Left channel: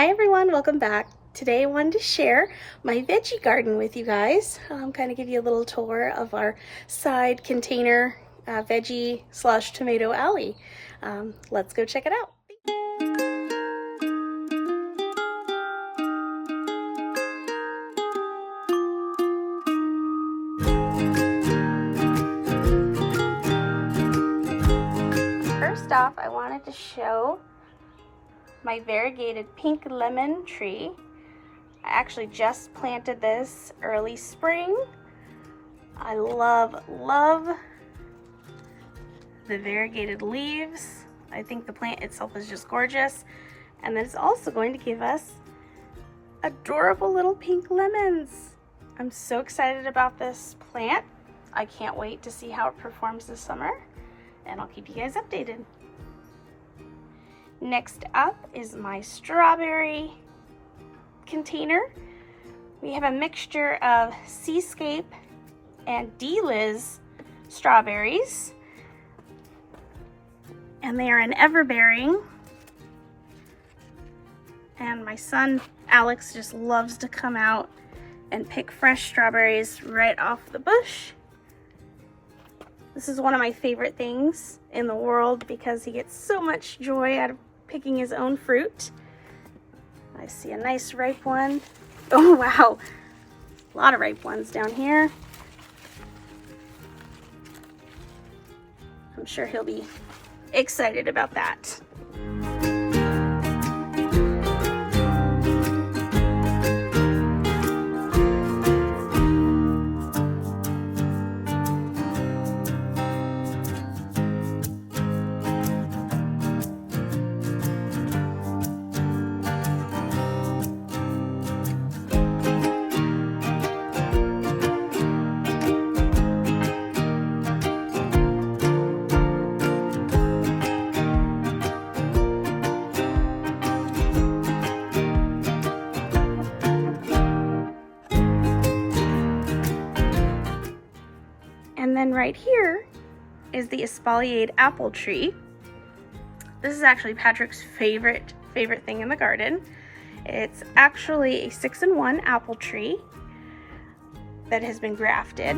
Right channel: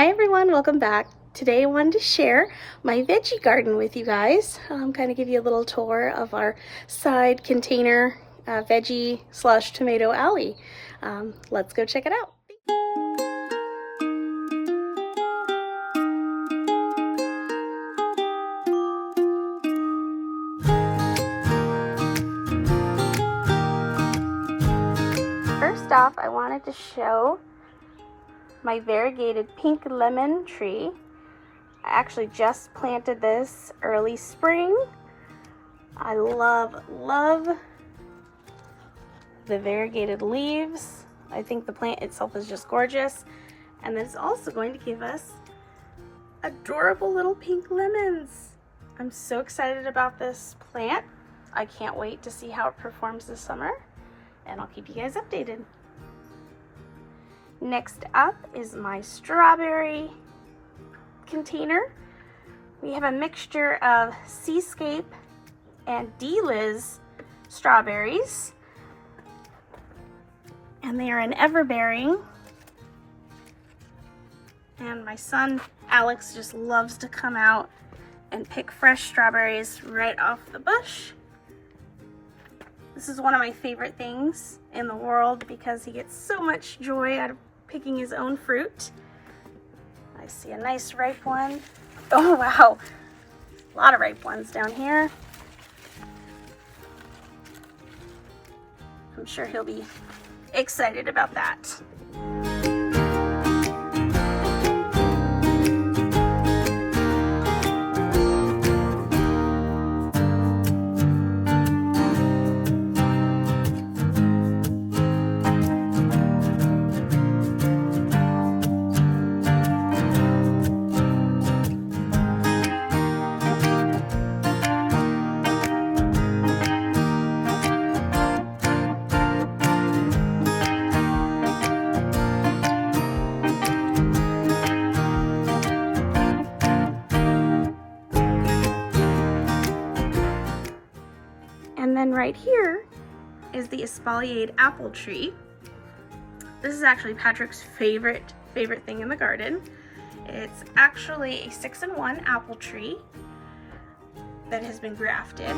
Hi everyone, welcome back. Today I wanted to share my veggie garden with you guys. Kind of give you a little tour of our side container veggie / tomato alley. Let's go check it out. First off, I wanted to show my variegated pink lemon tree. I actually just planted this early spring. I love the variegated leaves. I think the plant itself is just gorgeous. And then it's also going to give us adorable little pink lemons. I'm so excited about this plant. I can't wait to see how it performs this summer, and I'll keep you guys updated. Next up is my strawberry container. We have a mixture of Seascape and D-Liz strawberries, and they are an everbearing. And my son Alex just loves to come out and pick fresh strawberries right off the bush. This is one of my favorite things in the world because he gets so much joy out of picking his own fruit. I see a nice ripe one. Oh wow, a lot of ripe ones down here. I'm sure he'll be excited about that. And then right here is the espaliered apple tree. This is actually Patrick's favorite thing in the garden. It's actually a 6-in-1 apple tree that has been grafted.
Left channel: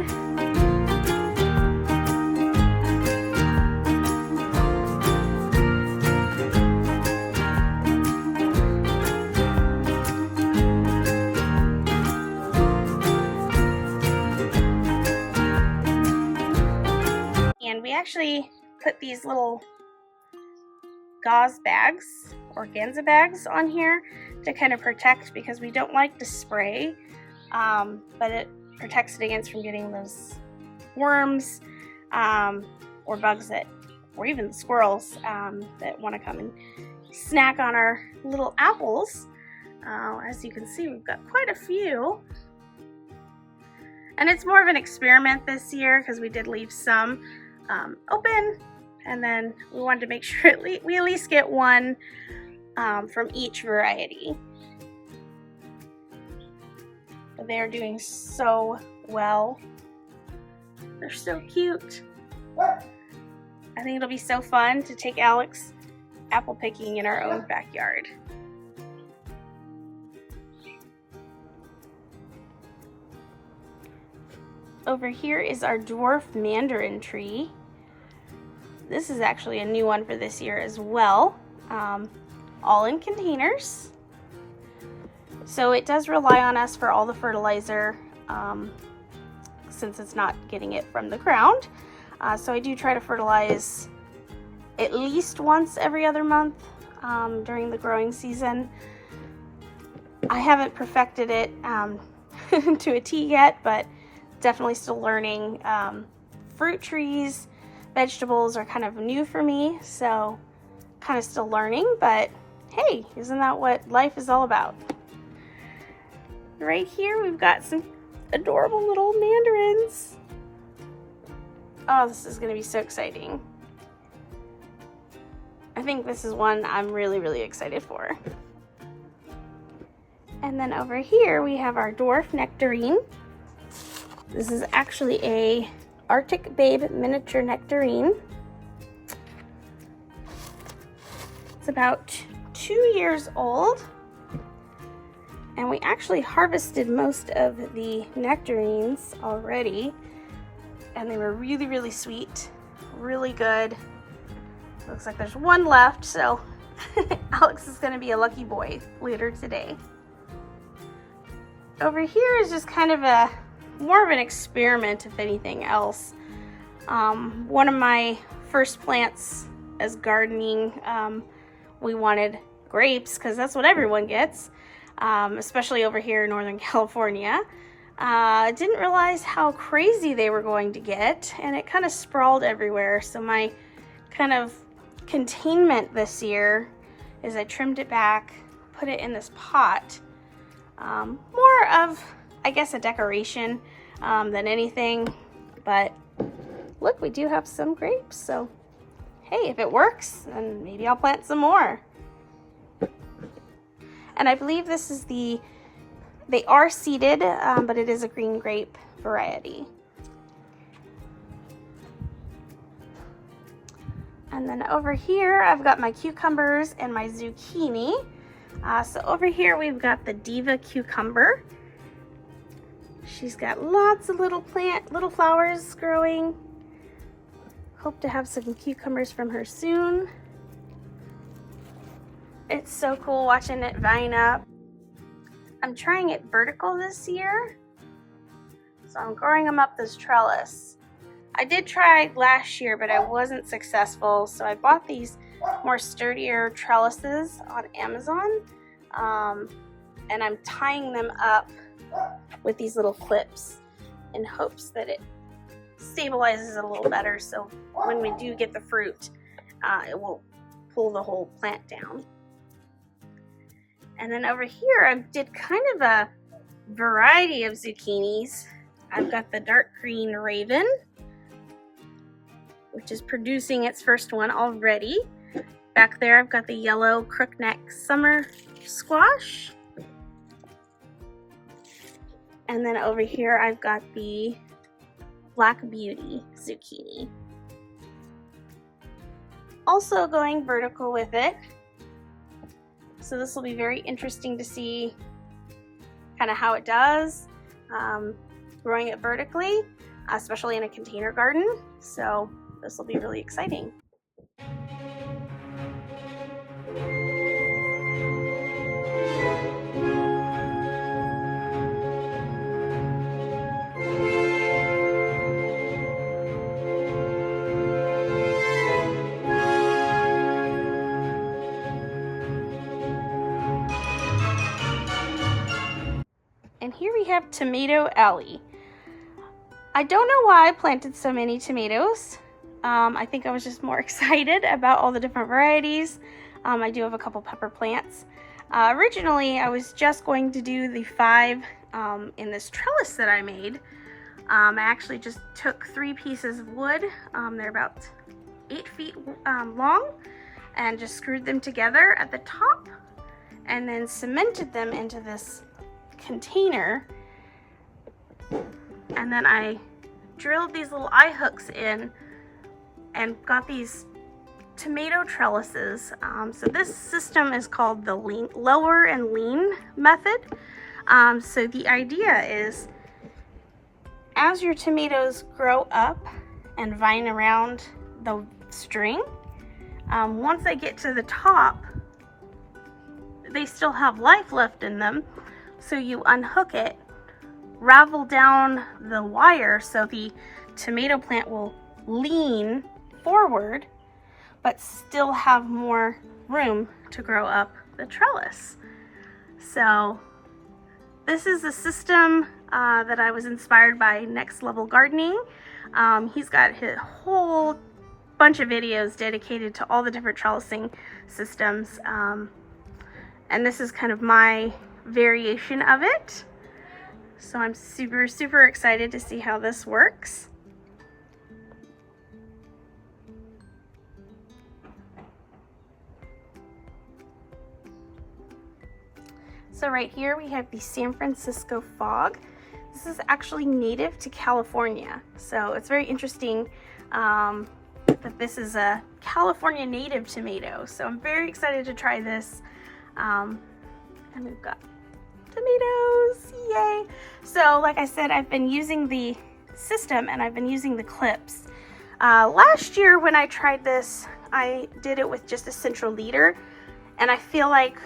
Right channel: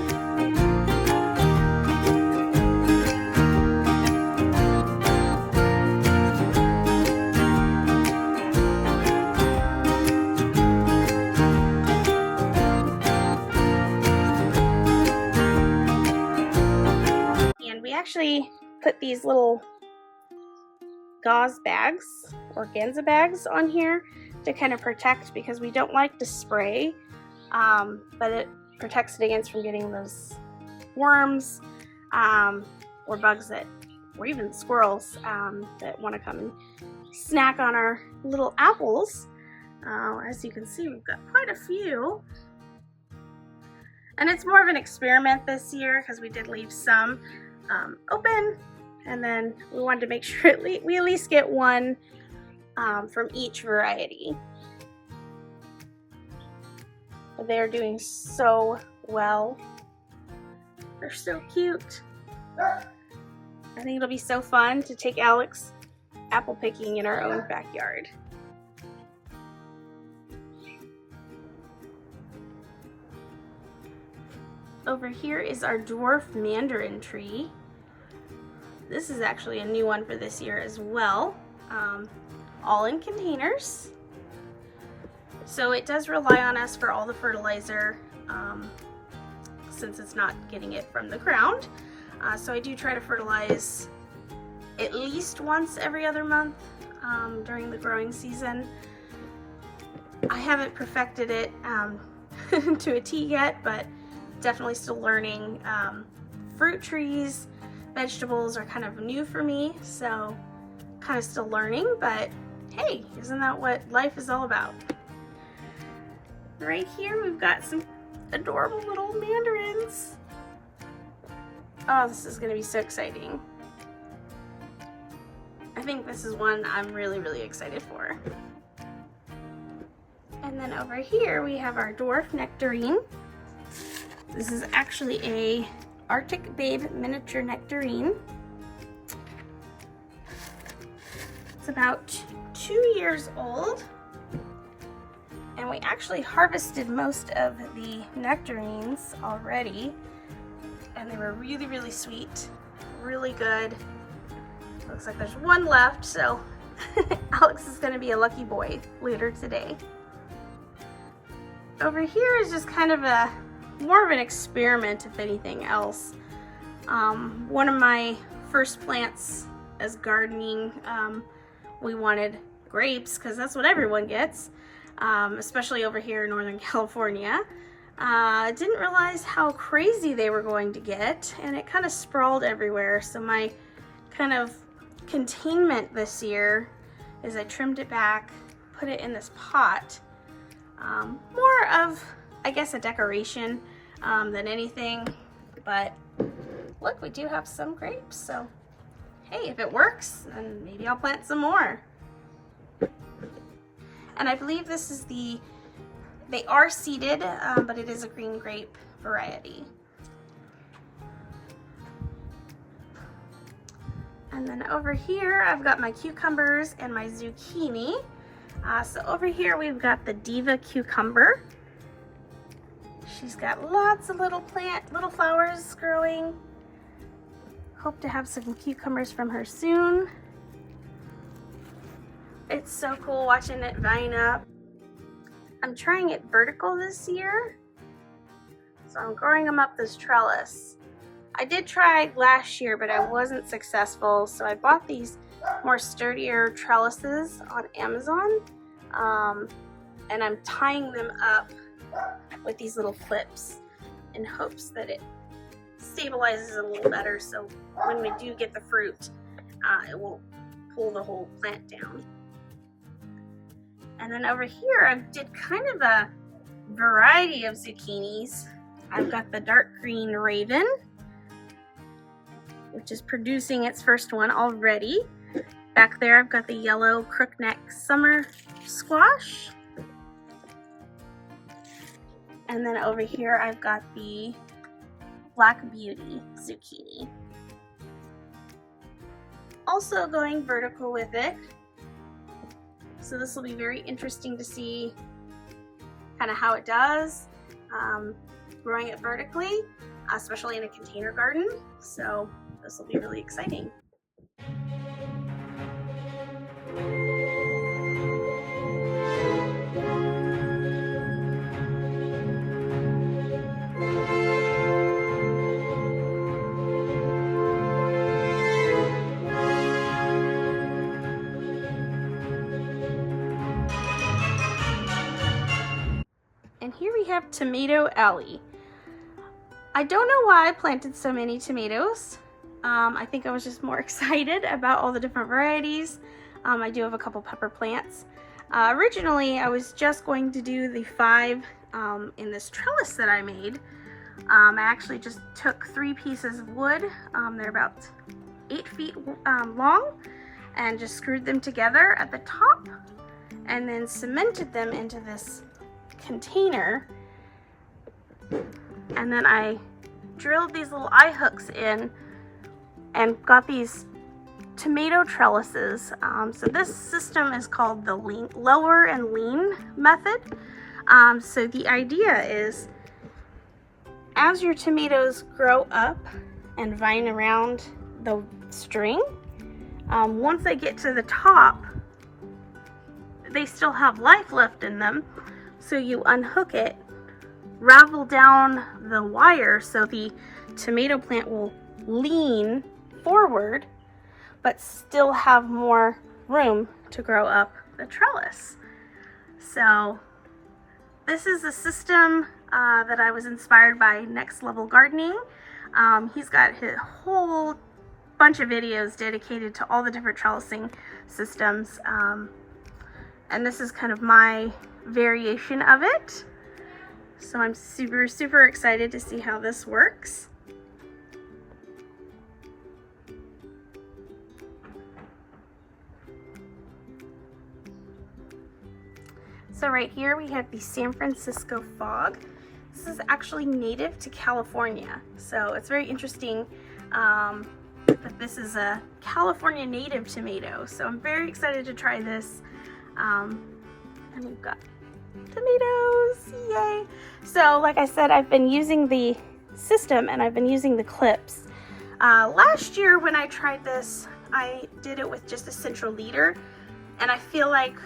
And we actually put these little gauze bags, organza bags, on here to kind of protect, because we don't like to spray, but it protects it against from getting those worms or bugs that, or even squirrels that want to come and snack on our little apples. As you can see, we've got quite a few. And it's more of an experiment this year because we did leave some open, and then we wanted to make sure we at least get one from each variety. But they're doing so well. They're so cute. I think it'll be so fun to take Alex apple picking in our own backyard. Over here is our Dwarf Mandarin tree. This is actually a new one for this year as well, all in containers. So it does rely on us for all the fertilizer since it's not getting it from the ground. So I do try to fertilize at least once every other month during the growing season. I haven't perfected it to a T yet, but definitely still learning. Fruit trees, vegetables are kind of new for me, so kind of still learning, but hey, isn't that what life is all about? Right here we've got some adorable little mandarins. Oh, this is going to be so exciting. I think this is one I'm really excited for. And then over here we have our dwarf nectarine. This is actually a Arctic Babe miniature nectarine. It's about 2 years old. And we actually harvested most of the nectarines already, and they were really, really sweet, really good. Looks like there's one left, so Alex is going to be a lucky boy later today. Over here is just kind of a more of an experiment, if anything else. One of my first plants as gardening, we wanted grapes because that's what everyone gets, especially over here in Northern California. Didn't realize how crazy they were going to get, and it kind of sprawled everywhere. So my kind of containment this year is I trimmed it back, put it in this pot. More of, I guess, a decoration than anything, but look, we do have some grapes, so hey, if it works, then maybe I'll plant some more. And I believe this is they are seeded, but it is a green grape variety. And then over here, I've got my cucumbers and my zucchini. So over here, we've got the Diva cucumber. She's got lots of little flowers growing. Hope to have some cucumbers from her soon. It's so cool watching it vine up. I'm trying it vertical this year, so I'm growing them up this trellis. I did try last year, but I wasn't successful, so I bought these more sturdier trellises on Amazon, and I'm tying them up with these little clips in hopes that it stabilizes it a little better, so when we do get the fruit, it won't pull the whole plant down. And then over here, I did kind of a variety of zucchinis. I've got the dark green Raven, which is producing its first one already. Back there, I've got the yellow crookneck summer squash. And then over here, I've got the Black Beauty zucchini. Also going vertical with it. So this will be very interesting to see kind of how it does, growing it vertically, especially in a container garden. So this will be really exciting. And here we have Tomato Alley. I don't know why I planted so many tomatoes. I think I was just more excited about all the different varieties. I do have a couple pepper plants. Originally, I was just going to do the 5 in this trellis that I made. I actually just took 3 pieces of wood. They're about 8 feet long, and just screwed them together at the top and then cemented them into this container, and then I drilled these little eye hooks in and got these tomato trellises. So this system is called the lower and lean method. So the idea is, as your tomatoes grow up and vine around the string, once they get to the top, they still have life left in them. So you unhook it, ravel down the wire so the tomato plant will lean forward, but still have more room to grow up the trellis. So this is a system that I was inspired by Next Level Gardening. He's got a whole bunch of videos dedicated to all the different trellising systems. And this is kind of my variation of it. So I'm super, super excited to see how this works. So right here we have the San Francisco fog. This is actually native to California. So it's very interesting that this is a California native tomato. So I'm very excited to try this. And we've got tomatoes, yay. So like I said, I've been using the system and I've been using the clips. Last year when I tried this, I did it with just a central leader, and I feel like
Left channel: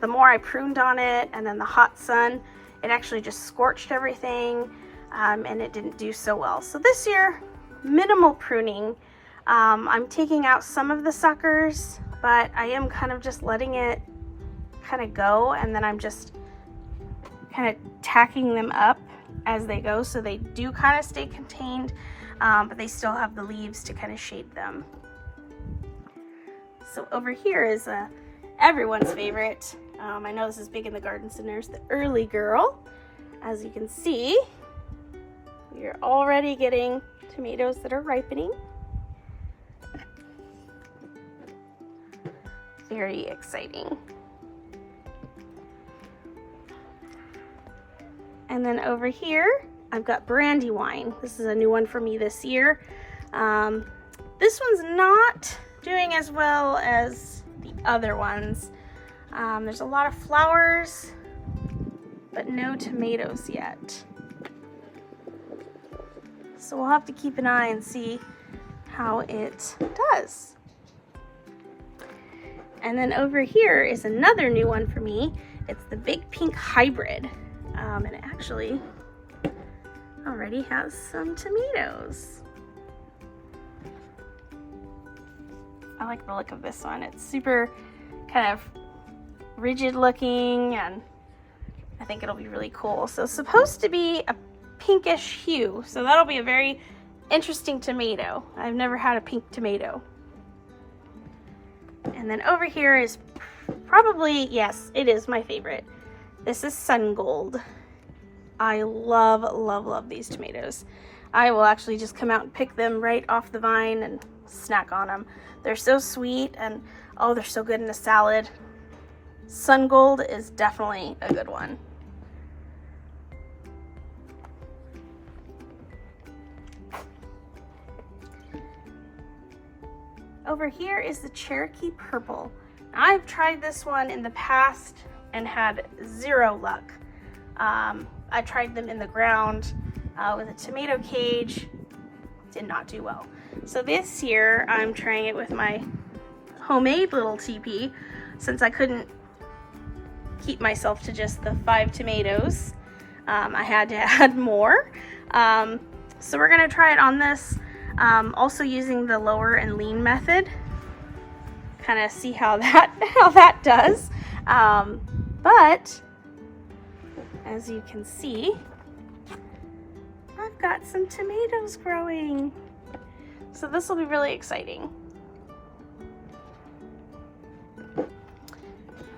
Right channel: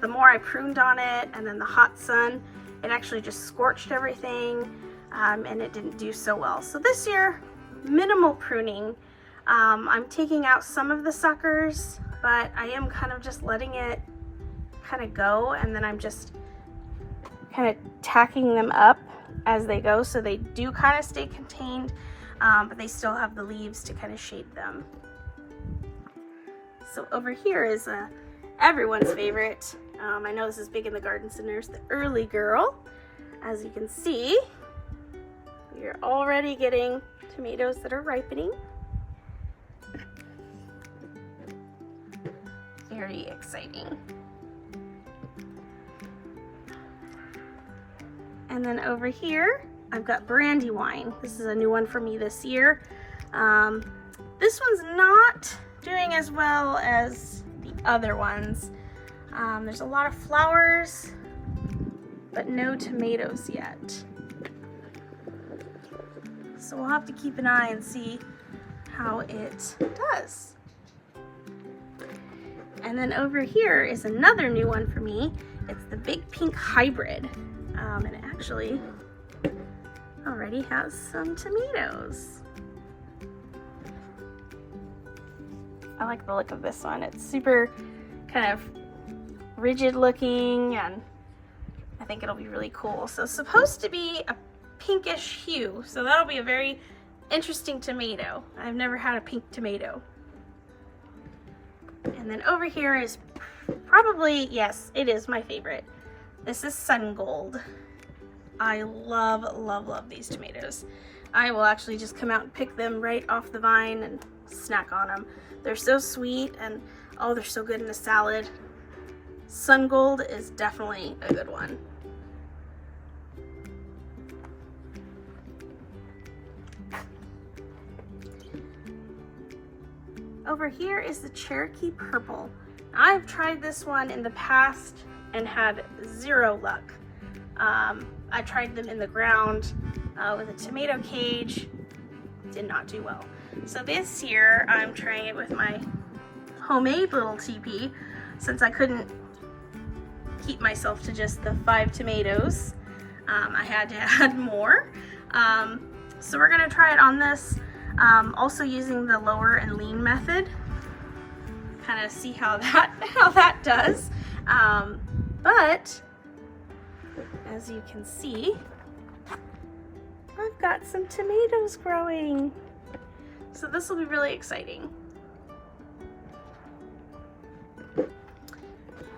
the more I pruned on it and then the hot sun, it actually just scorched everything, and it didn't do so well. So this year, minimal pruning. I'm taking out some of the suckers, but I am kind of just letting it kind of go, and then I'm just kind of tacking them up as they go, so they do kind of stay contained, but they still have the leaves to kind of shade them. So over here is everyone's favorite. I know this is big in the garden centers, the early girl. As you can see, we are already getting tomatoes that are ripening. Very exciting. And then over here, I've got Brandywine. This is a new one for me this year. This one's not doing as well as the other ones. There's a lot of flowers, but no tomatoes yet. So we'll have to keep an eye and see how it does. And then over here is another new one for me. It's the Big Pink Hybrid. And it actually already has some tomatoes. I like the look of this one. It's super kind of rigid looking, and I think it'll be really cool. So it's supposed to be a pinkish hue, so that'll be a very interesting tomato. I've never had a pink tomato. And then over here is probably, yes, it is my favorite. This is Sun Gold. I love, love, love these tomatoes. I will actually just come out and pick them right off the vine and snack on them. They're so sweet, and oh, they're so good in a salad. Sun Gold is definitely a good one. Over here is the Cherokee Purple. I've tried this one in the past and had zero luck. I tried them in the ground with a tomato cage, did not do well. So this year I'm trying it with my homemade little teepee, since I couldn't keep myself to just the 5 tomatoes. I had to add more. So we're gonna try it on this, also using the lower and lean method, kind of see how that does. But as you can see, I've got some tomatoes growing. So this will be really exciting.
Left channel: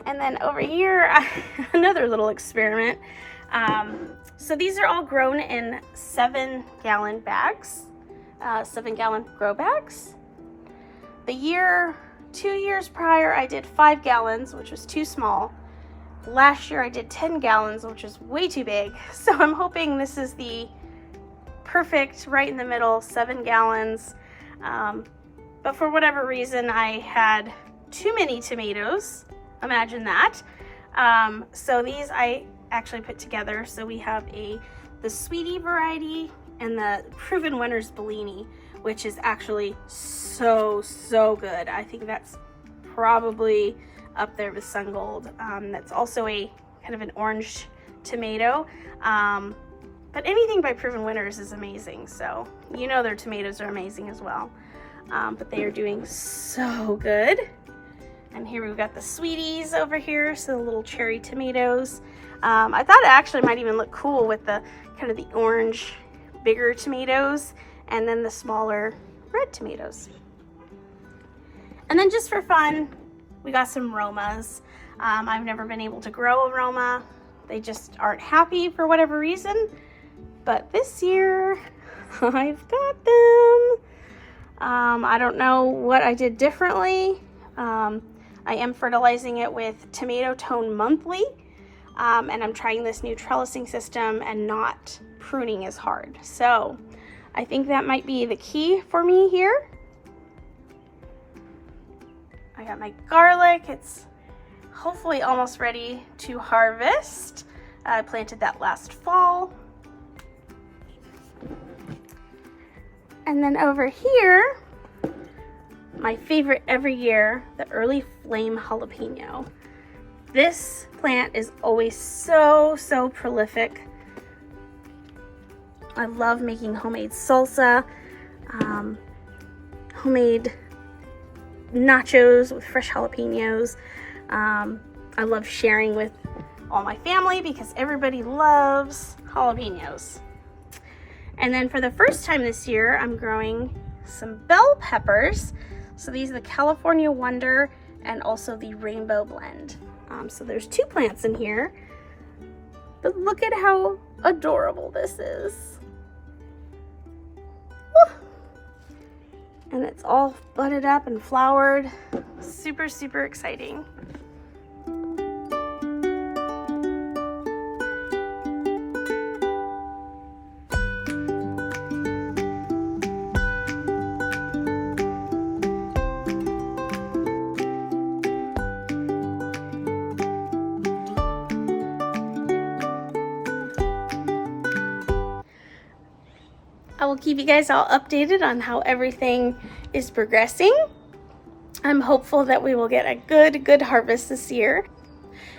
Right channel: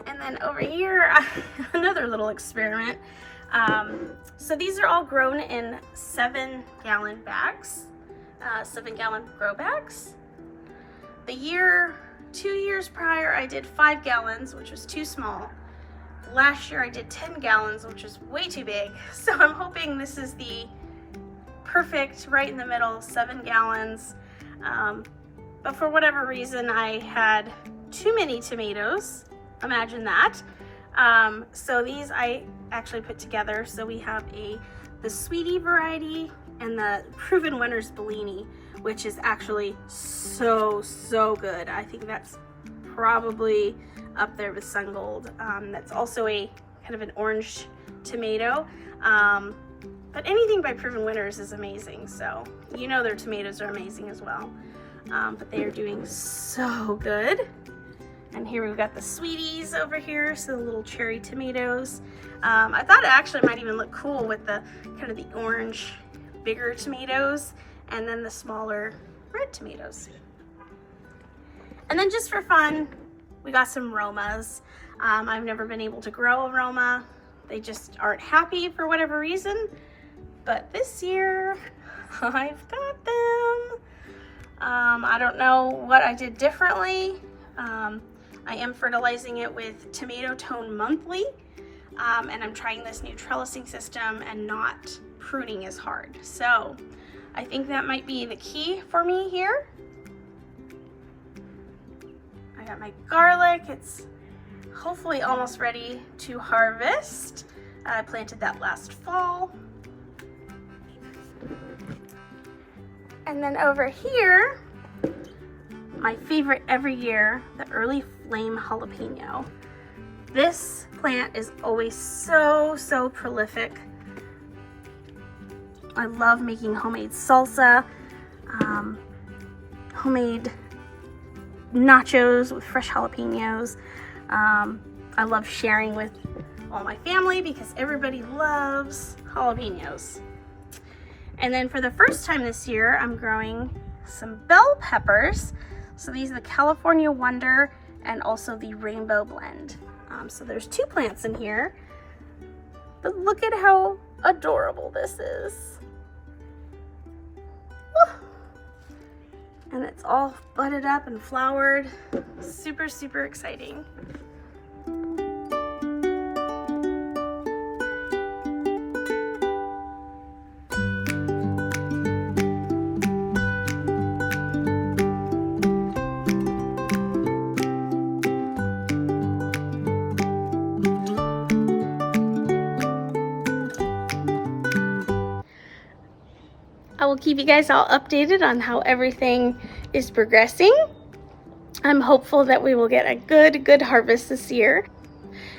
And then over here, another little experiment. So these are all grown in 7-gallon bags, 7-gallon grow bags. 2 years prior, I did 5 gallons, which was too small. Last year I did 10 gallons, which was way too big. So I'm hoping this is the perfect, right in the middle, 7 gallons. But for whatever reason, I had too many tomatoes. Imagine that. So these I actually put together. So we have the Sweetie variety and the Proven Winners Bellini, which is actually so good. I think that's probably up there with Sun Gold. That's also a kind of an orange tomato. But anything by Proven Winners is amazing. So you know their tomatoes are amazing as well. But they are doing so good. And here we've got the Sweeties over here, so the little cherry tomatoes. I thought it actually might even look cool with the kind of the orange, bigger tomatoes, and then the smaller red tomatoes. And then just for fun, we got some Romas. I've never been able to grow a Roma. They just aren't happy for whatever reason. But this year, I've got them. I don't know what I did differently. I am fertilizing it with Tomato Tone Monthly, and I'm trying this new trellising system and not pruning as hard. So I think that might be the key for me here. I got my garlic. It's hopefully almost ready to harvest. I planted that last fall. And then over here, my favorite every year, the early flame jalapeno. This plant is always so prolific. I love making homemade salsa, homemade nachos with fresh jalapenos. I love sharing with all my family because everybody loves jalapenos. And then for the first time this year, I'm growing some bell peppers. So these are the California Wonder and also the Rainbow Blend. So there's 2 plants in here, but look at how adorable this is. Woo! And it's all budded up and flowered. Super exciting. I will keep you guys all updated on how everything is progressing. I'm hopeful that we will get a good harvest this year.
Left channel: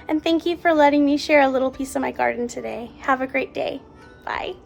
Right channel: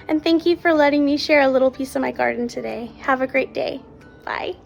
And thank you for letting me share a little piece of my garden today. Have a great day. Bye.